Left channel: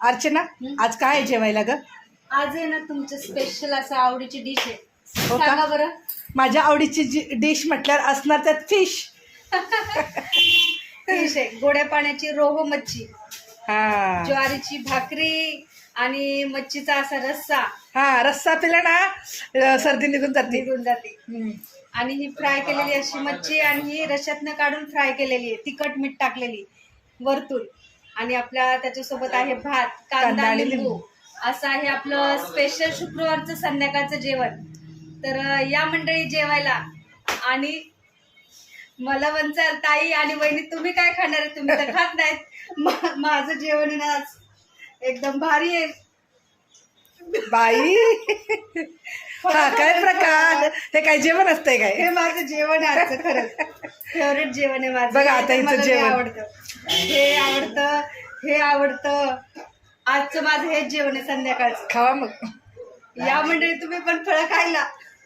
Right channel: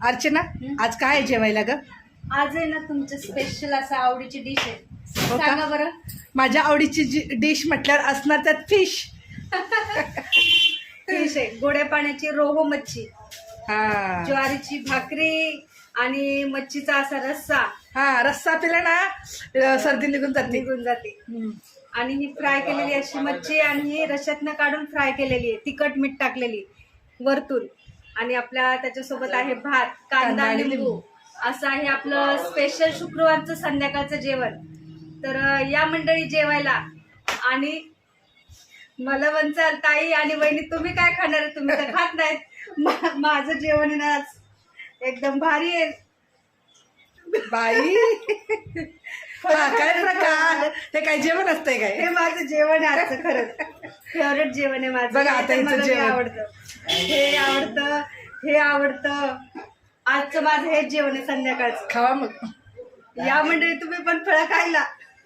अर्चना, आज काय आहे जेवायला ग? आज आहे ना तुमचं स्पेशल असं आवडीची डिश आहे. हो का? सांगा बरं. माझ्या आवडीची डिश म्हटल्यावर असणार त्यात फिश. डिश आहे गोड्या पाण्याची रोहो मच्छी, हा ज्वारीची भाकरी आणि मच्छीचा असा रस्सा हा, रस्सा पिला ना सर्दी निघून जाते. निघून जाते. आणि ही फ्राय केलेली अशी मच्छी आणि ही रश्यातनं काढून फ्राय केलेली आहे, तिखट मीठ टाकलेली वरतून. आणि आपल्या त्याच्यासोबत आहे भात, कांदा आणि लिंबू. लिंबू. असं आहे आपलं स्पेशल शुक्रवारचं संध्याकाळचं जेवण. तर या मंडळी जेवायला. आणि मला म्हणचाल ताई आणि वहिनी तुम्ही काय खाणार आहे? तुम्ही तर खात नाहीत. माझं जेवण आहे ना आज एकदम भारी आहे बाई. हा काय प्रकार, हे काय जेवण असतंय काय? हे माझं जेवण आहे आजचं. खरंच फेवरेट जेवण आहे माझं. बघा आता हिचं मला हे जेवण. आवडतं, हे आवडतं, हे आवडतं. आजचं माझं हेच जेवण आहे संध्याकाळचं. खावा मग. या मंडळी तुम्ही पण फळं खायला.